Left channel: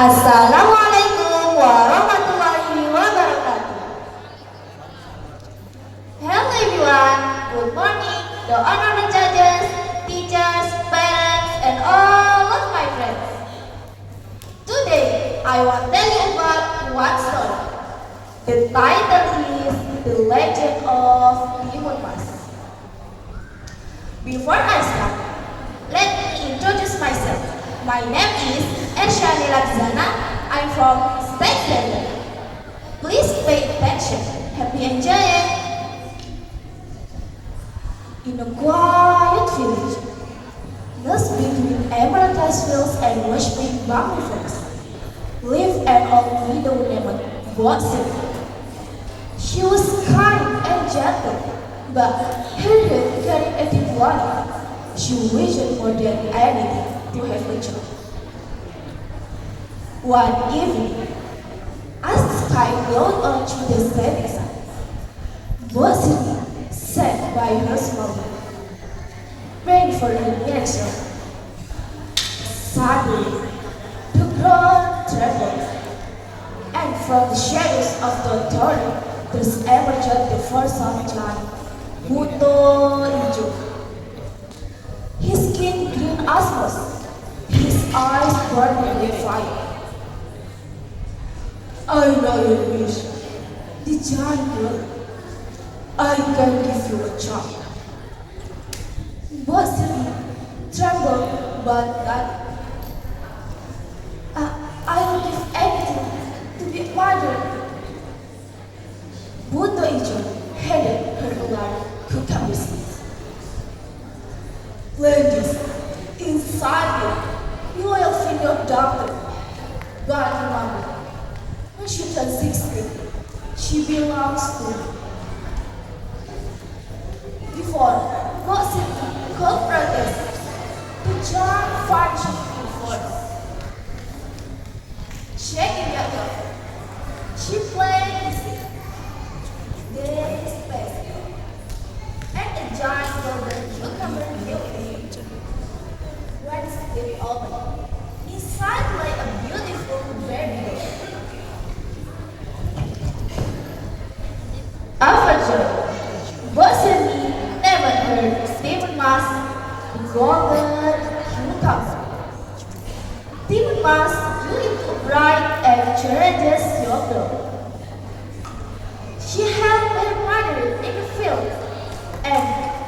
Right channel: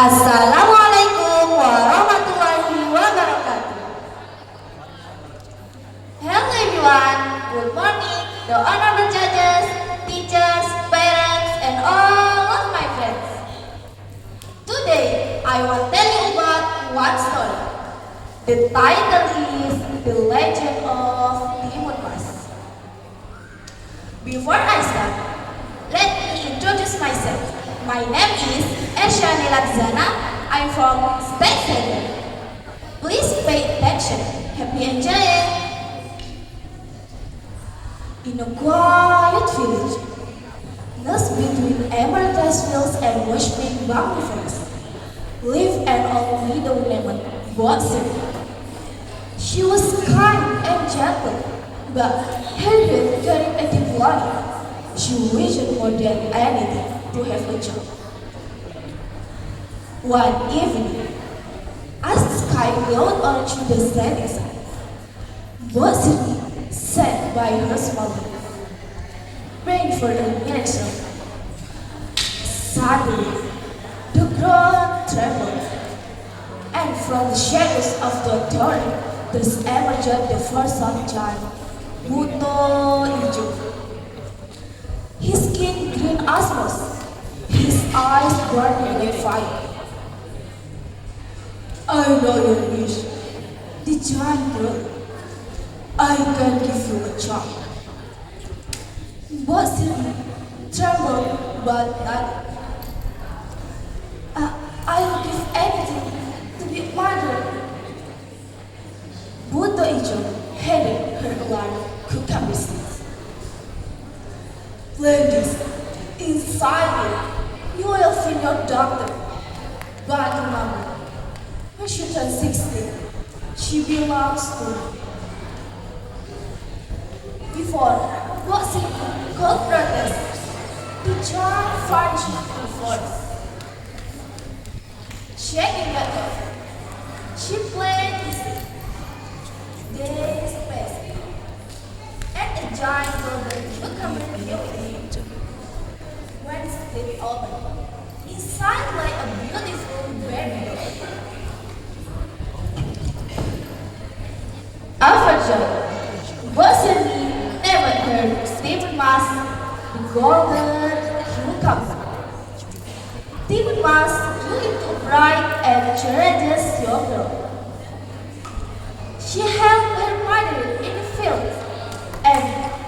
Assalamualaikum warahmatullahi wabarakatuh. Hello everyone, good morning, the honorable judges, teachers, parents, and all of my friends. Today, I will tell you about one story. The title is The Legend of Timun Mas. Before I start, let me introduce myself. My name is Ersya. I'm from State Center. Please pay attention. Happy enjoying. In a quiet village, nestled between emerald fields and worshipping bamboo fence, lived an old widow named Boxer. She was kind and gentle, but her heart carried a deep life. She wished more than anything to have a job. One evening, as the sky glowed onto the setting sun, Boxer sat by her mother, praying for the next one. Suddenly, the ground trembled, and from the shadows of the torrent, there emerged the first son giant, Buto Ijo. His skin green as moss, his eyes burning with fire. I know your wish, the giant word. I can give you a child. Boxer trembled, but not. I will give anything to be mother. Buto Ijo handed her one cucumber seeds. Ladies, inside you will find your daughter. But remember, when she turns 16, she belongs to me. Before Boxer could protest, the giant fighting the force. Shaking at her, she played music. Days passed, and the giant golden cucumber building. Once they opened, inside lay a beautiful baby. After Boxer never heard Timun Mas, the golden cucumber. Timun Mas grew into a bright and courageous young girl. She held her mother in the field and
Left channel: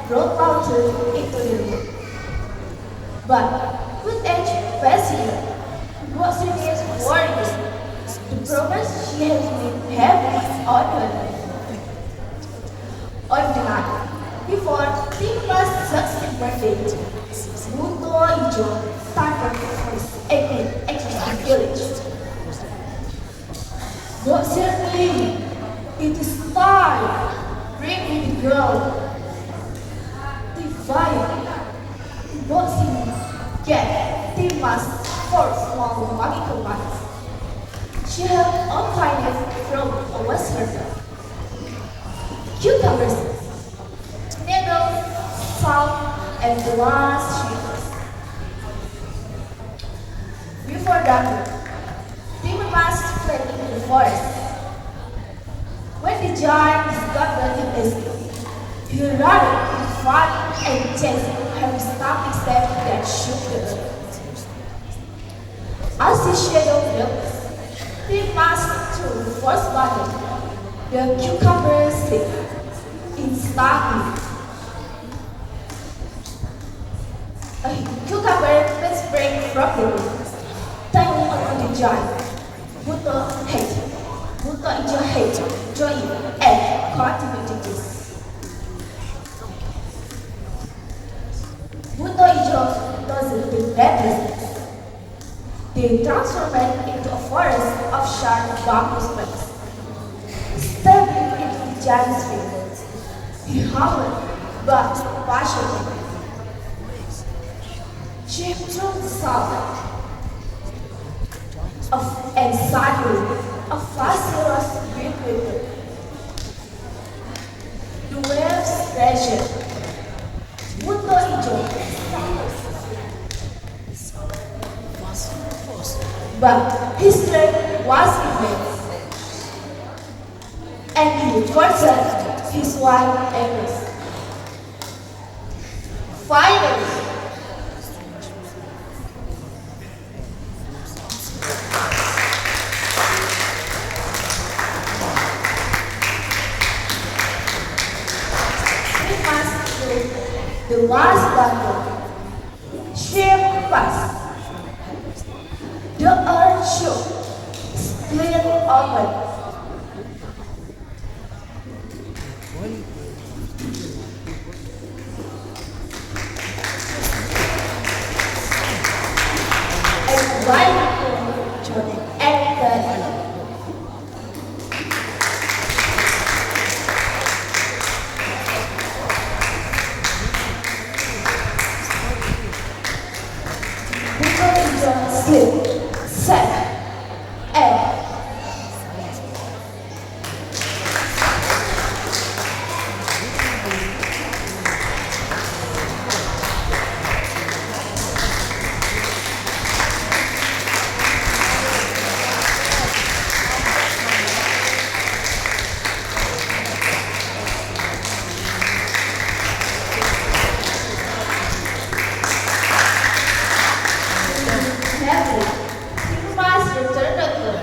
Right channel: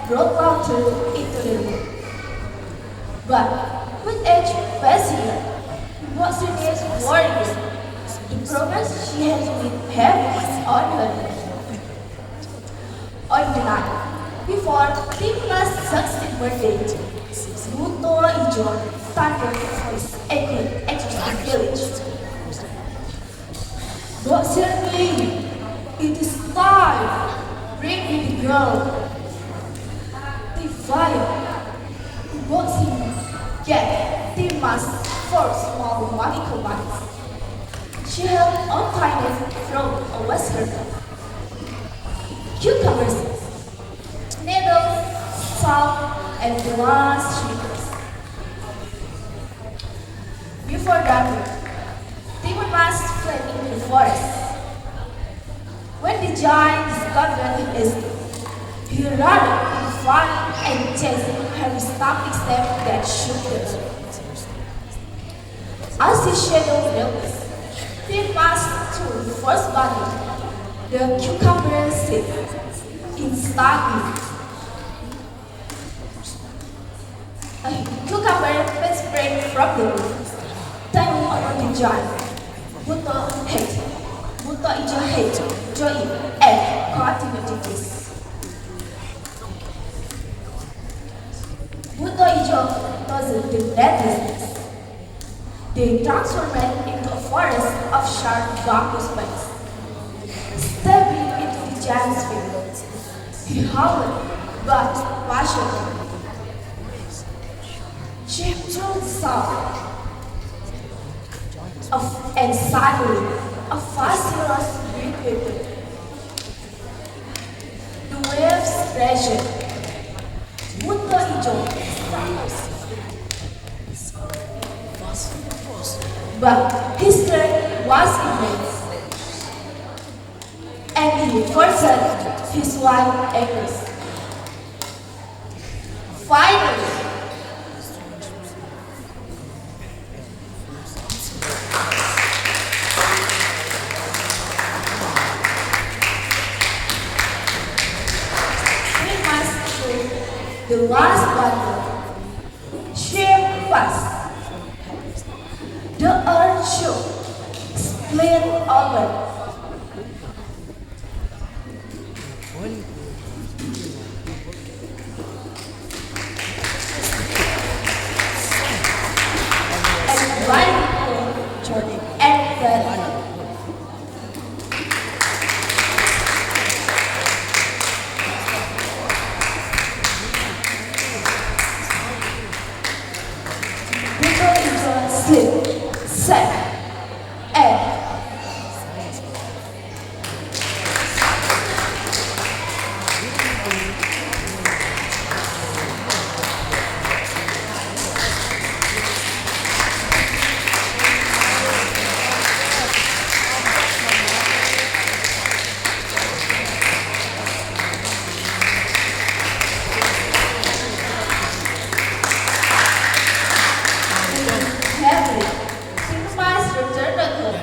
brought laughter into the room. But with age passing, Boxer was worried. The progress she had been having on her. On the night before Timun Mas' 16th birthday, Buto Ijo started his exercise village. Boxer knew it is time. Bring me the girl. The fire. Boxer get Timun Mas for small magical bites. She held all kinds of fruit was her dog. Cucumbers, needles, salt, and glass sugars. Before dawn, Timun Mas fled into the forest. When the giant discovered him escape, he ran in front and chased her stamping step that shook the earth. As his shadow built, Timun Mas threw the first body. The cucumber slipped. Instantly, a cucumber was sprang from the roof, tumbling on the giant. Buto Ijo hated, joined, and continued to kiss. Buto Ijo doesn't do that. They transformed into a forest of sharp bamboo spikes. Stepping into the giant's field, he howled, but passionately. She turned south, and suddenly a fast rush beat with her. The waves crashed. Buto Ijo but he person, his wife agrees. Finally, we must do the last button. Shape fast. The earth shook, split open. And one journey entered. Before it sleep, set, and happily, he must return again,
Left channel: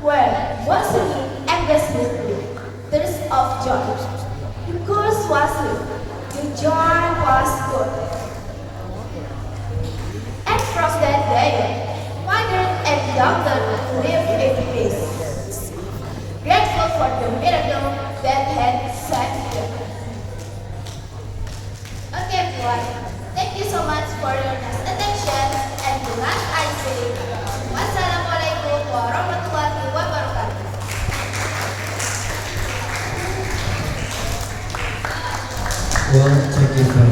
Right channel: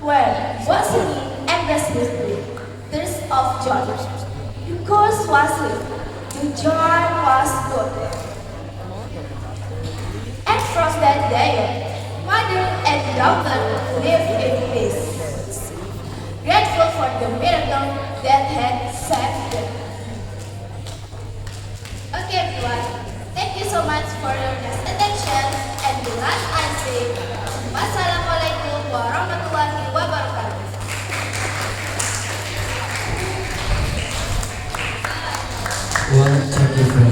where Jocelyn endlessly tears of joy. Because was the joy was good. And from that day, mother and daughter lived in peace, grateful for the miracle that had saved them. Okay, everyone, thank you so much for your nice attention. And the last I say, wassalamualaikum warahmatullahi wabarakatuh. Well, thank you for